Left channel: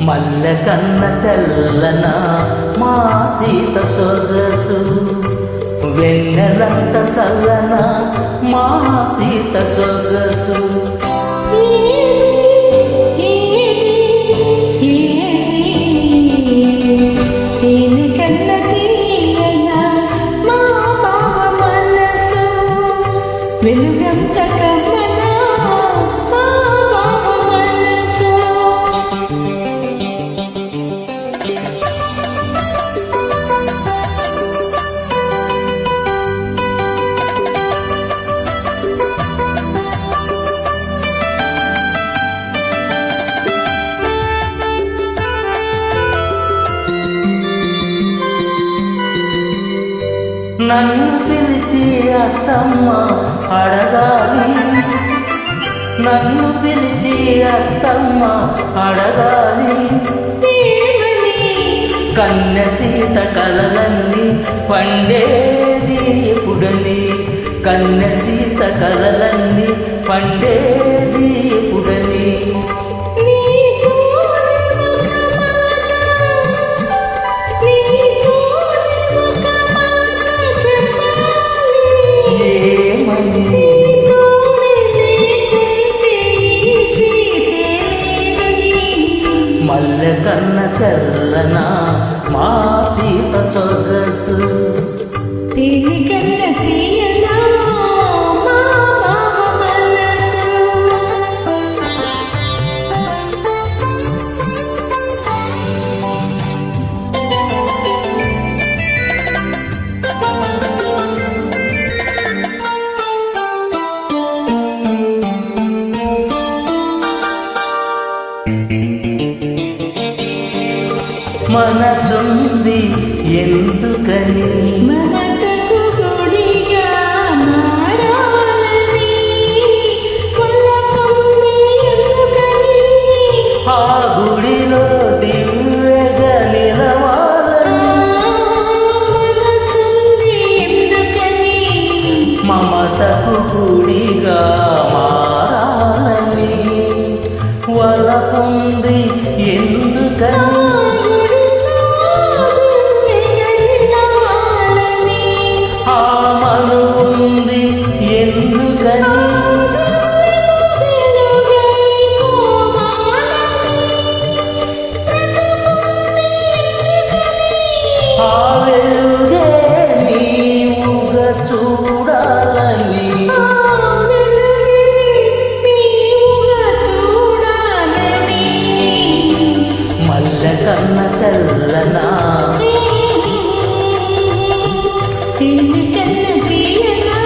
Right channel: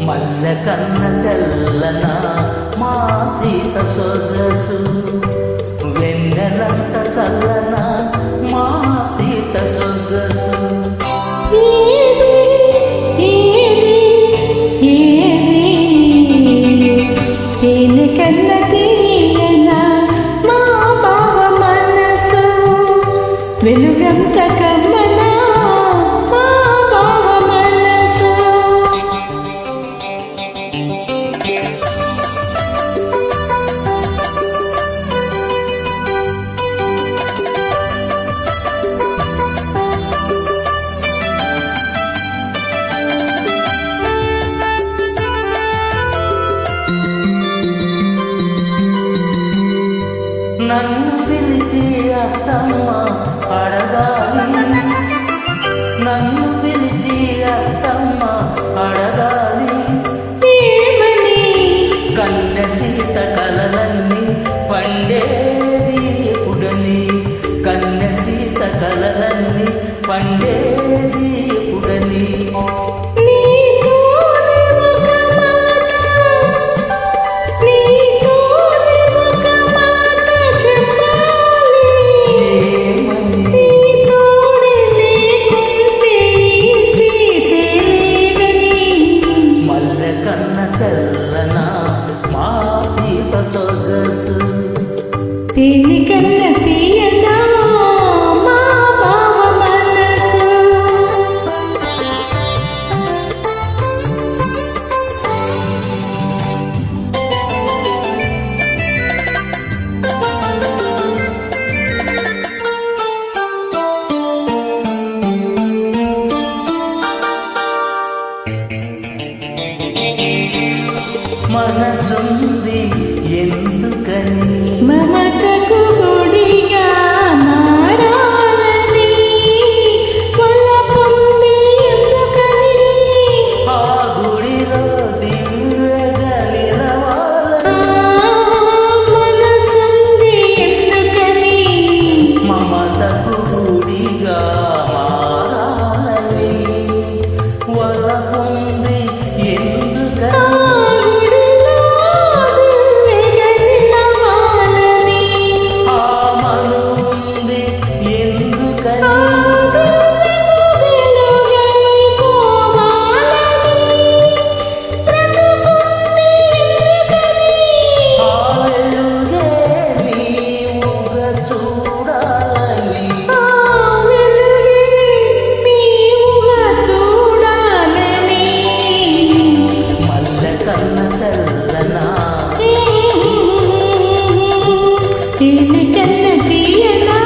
మల్ల కన్న తెల్లన మా సీత సొగసు. వెన్నెలంత తల్లన మా సీత సొగసు. ఏది కన్న తీయన మా బావ మనసు. వెలుగంత కమ్మన నన్ను పిలిచి అత్తమ్మ అడగాలి. నన్ను పిలిచి అత్తమ్మ అడగాలి. కన్య సీత కలలన్నీ పండేది ఎప్పుడని? కన్య సీత కలలన్నీ పండేది ఎప్పుడని? మల్లె కన్న తెల్లన మా సీత సొగసు. తిని మనసుంది ఎందుకని? మమతకు గుడిగా మారాలని పొంది ఎందుకని? ఆ గుడిలో దివ్యగా నిలవాలని. మనసుంది ఎందుకని? మమతకు గుడిగా మారాలని. వలపుంది ఆ ఎందుకని? చూడాలని చూడాలని. మల్లె కన్న తెల్లనా దీనికన్నా తీయనా